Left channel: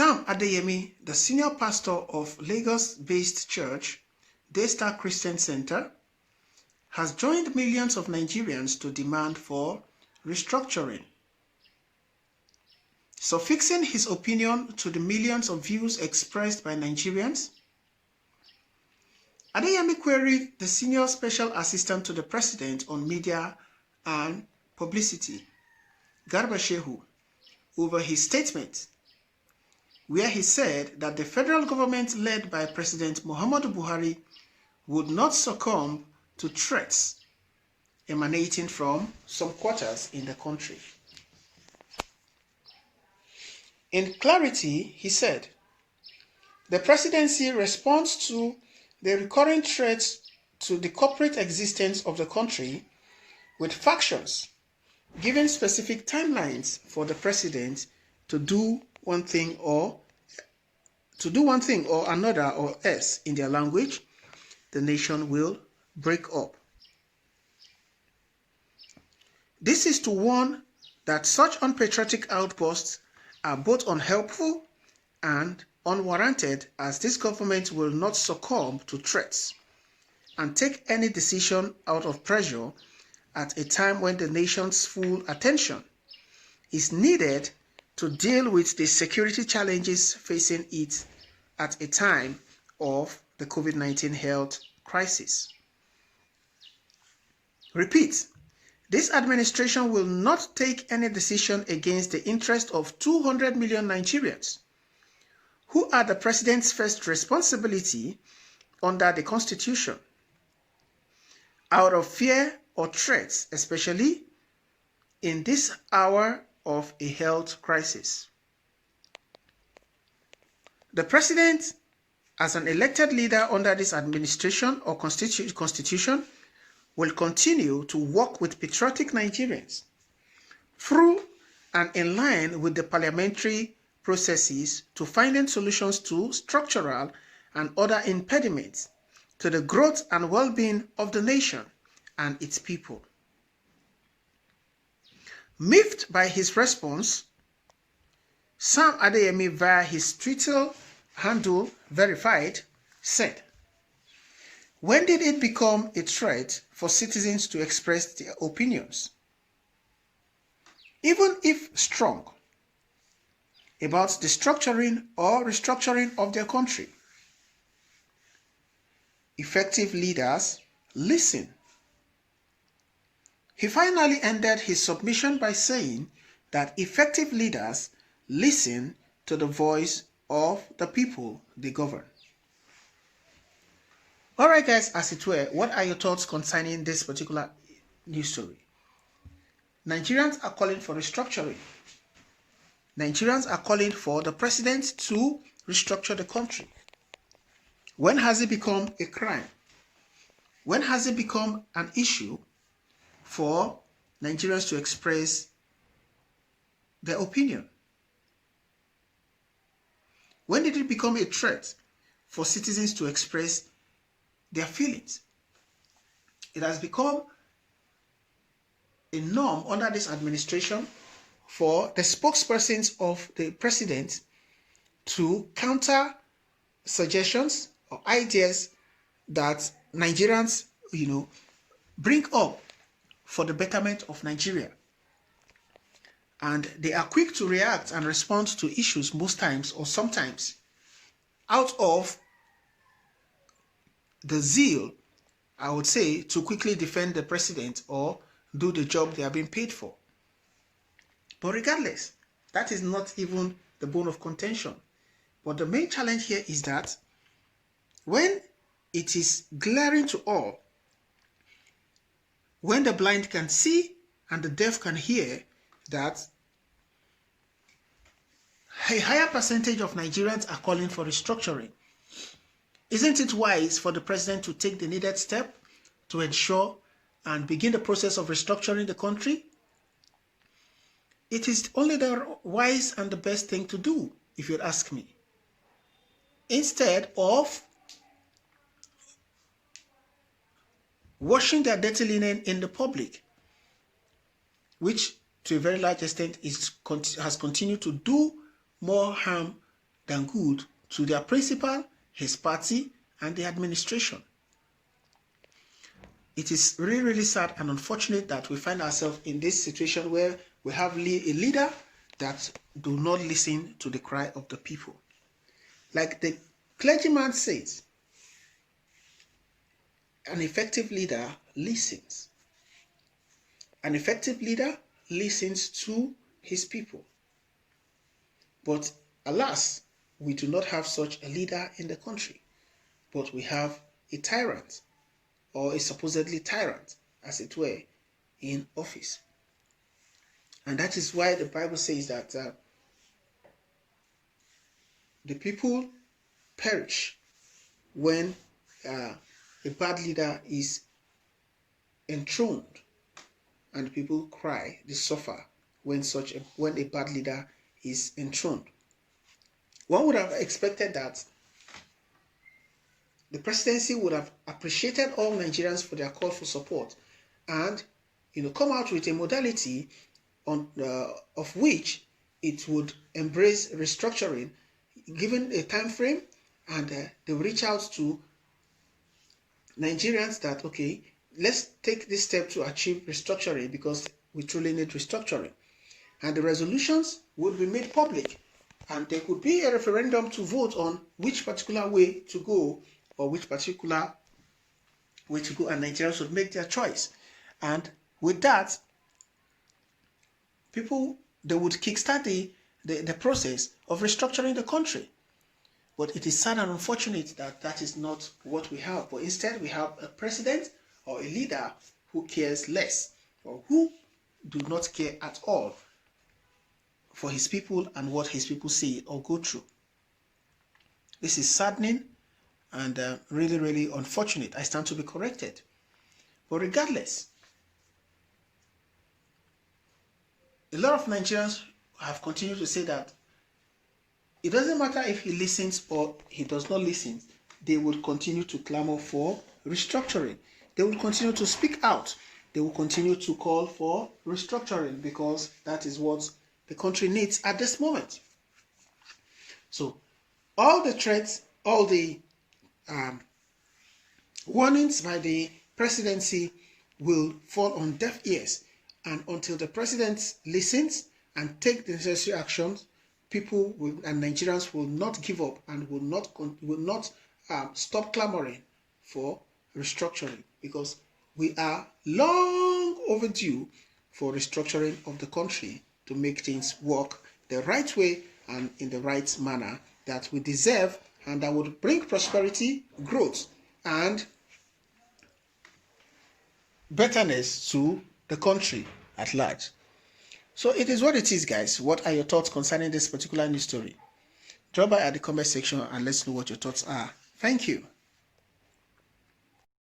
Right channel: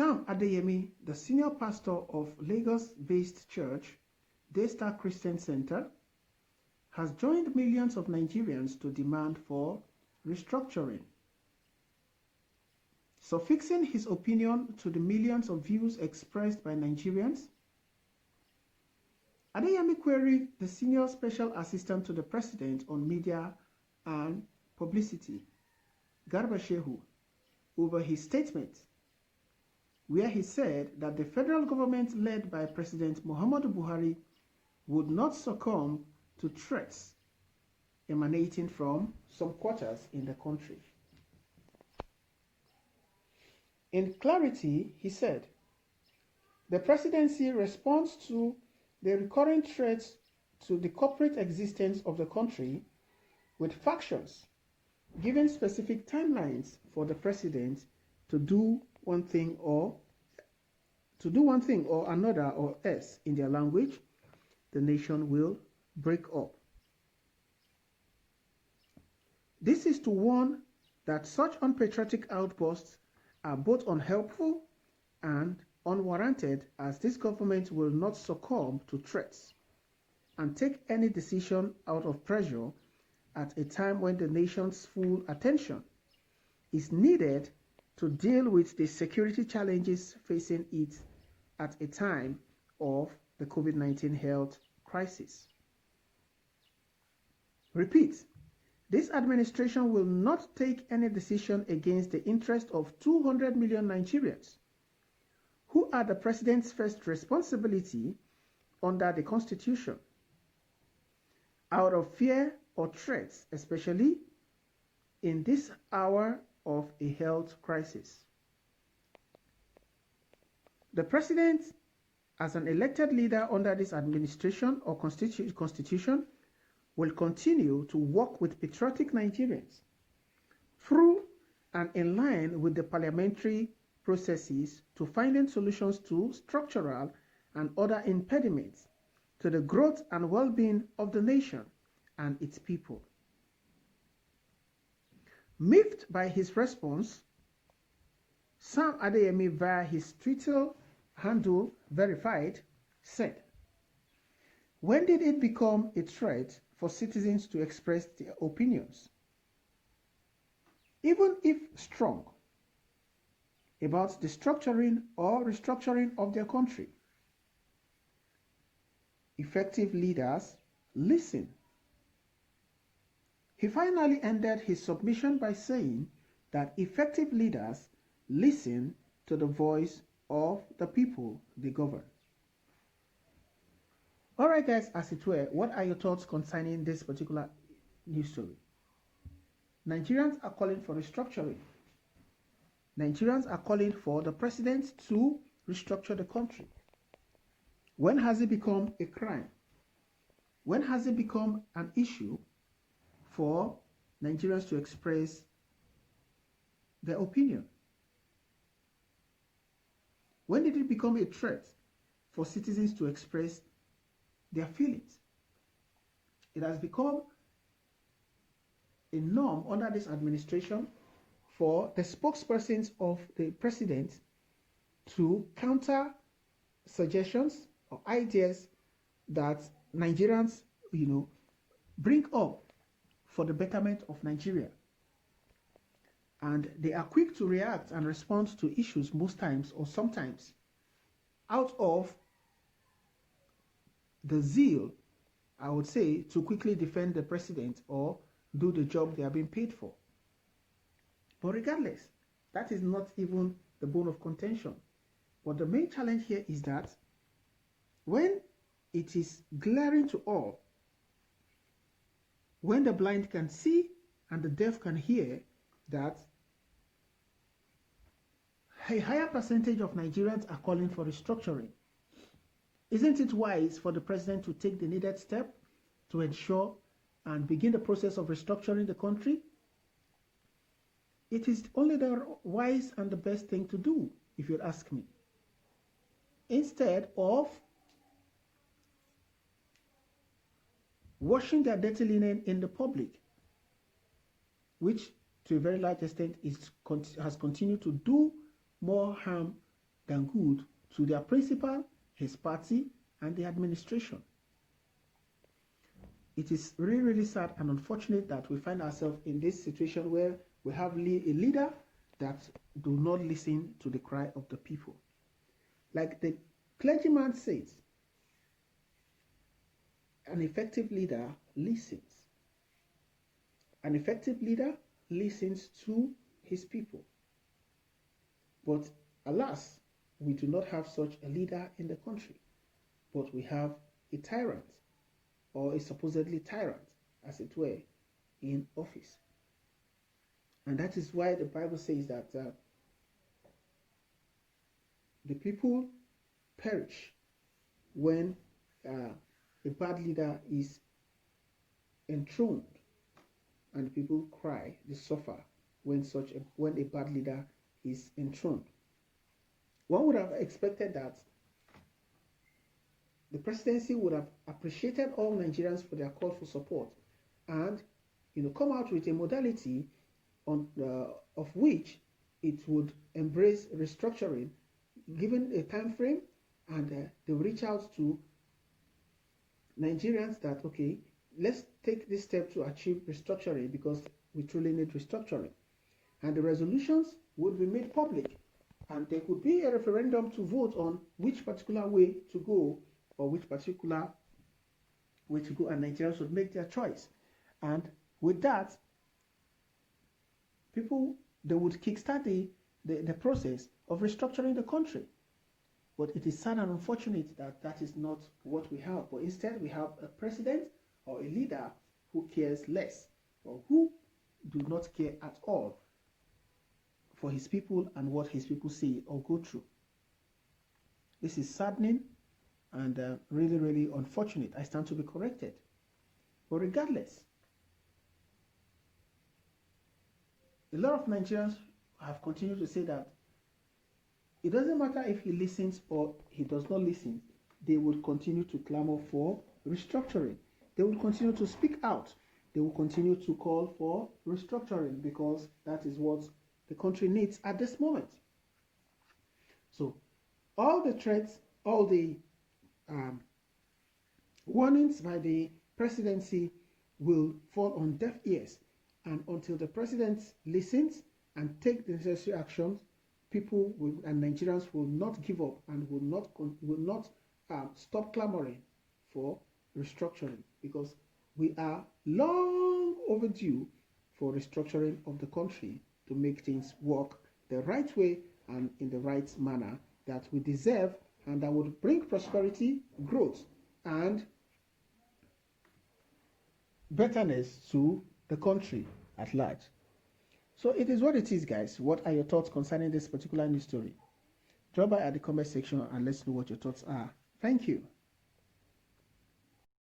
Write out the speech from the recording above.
Sam Adeyemi, the senior pastor of Lagos-based church, Daystar Christian Center, has joined millions of Nigerians to demand for restructuring. Suffixing his opinion to the millions of views expressed by Nigerians, Adeyemi queried the senior special assistant to the president on media and publicity, Garba Shehu, over his statement, where he said that the federal government led by President Muhammadu Buhari would not succumb to threats emanating from some quarters in the country. In clarity, he said, the presidency responds to the recurring threats to the corporate existence of the country with factions giving specific timelines for the president to do one thing or another, or else, in their language, the nation will break up. This is to warn that such unpatriotic outbursts are both unhelpful and unwarranted, as this government will not succumb to threats and take any decision out of pressure at a time when the nation's full attention is needed to deal with the security challenges facing it at a time of the COVID-19 health crisis. Repeat, this administration will not take any decision against the interest of 200 million Nigerians, who are the president's first responsibility under the Constitution, out of fear or threats, especially in this hour of a health crisis. The president, as an elected leader under this administration or constitution, will continue to work with patriotic Nigerians through and in line with the parliamentary processes to finding solutions to structural and other impediments to the growth and well-being of the nation and its people. Miffed by his response, Sam Adeyemi, via his Twitter handle Verified, said, "When did it become a threat for citizens to express their opinions, even if strong, about the structuring or restructuring of their country? Effective leaders listen." He finally ended his submission by saying that effective leaders listen to the voice of the people they govern. All right, guys, as it were, what are your thoughts concerning this particular news story? Nigerians are calling for restructuring. Nigerians are calling for the president to restructure the country. When has it become a crime? When has it become an issue for Nigerians to express their opinion? When did it become a threat for citizens to express their feelings? It has become a norm under this administration for the spokespersons of the president to counter suggestions or ideas that Nigerians, bring up for the betterment of Nigeria. And they are quick to react and respond to issues most times or sometimes out of the zeal, I would say, to quickly defend the president or do the job they are being paid for. But regardless, that is not even the bone of contention. But the main challenge here is that when it is glaring to all, when the blind can see and the deaf can hear, that a higher percentage of Nigerians are calling for restructuring, isn't it wise for the president to take the needed step to ensure and begin the process of restructuring the country? It is only the wise and the best thing to do, if you'd ask me. Instead of washing their dirty linen in the public, which to a very large extent has continued to do more harm than good to their principal, his party, and the administration. It is really, really sad and unfortunate that we find ourselves in this situation where we have a leader that do not listen to the cry of the people. Like the clergyman says, an effective leader listens. An effective leader listens to his people. But alas, we do not have such a leader in the country, but we have a tyrant, or a supposedly tyrant, as it were, in office. And that is why the Bible says that the people perish when a bad leader is enthroned, and people cry, they suffer when a bad leader is enthroned. One would have expected that the presidency would have appreciated all Nigerians for their call for support, and come out with a modality of which it would embrace restructuring, given a time frame, and they will reach out to Nigerians that, okay, let's take this step to achieve restructuring because we truly need restructuring. And the resolutions would be made public, and there could be a referendum to vote on which particular way to go, or which particular way to go, and Nigerians would make their choice. And with that, they would kickstart the process of restructuring the country. But it is sad and unfortunate that that is not what we have. But instead, we have a president or a leader who cares less, or who do not care at all for his people and what his people say or go through. This is saddening and really, really unfortunate. I stand to be corrected. But regardless, a lot of Nigerians have continued to say that it doesn't matter if he listens or he does not listen. They will continue to clamor for restructuring. They will continue to speak out. They will continue to call for restructuring because that is what the country needs at this moment. So all the threats, all the warnings by the presidency will fall on deaf ears, and until the president listens and take the necessary actions, people and Nigerians will not give up and will not stop clamoring for restructuring, because we are long overdue for restructuring of the country to make things work the right way and in the right manner that we deserve, and that would bring prosperity, growth, and betterness to the country at large. So it is what it is, guys. What are your thoughts concerning this particular news story? Drop by at the comment section and let's know what your thoughts are. Thank you.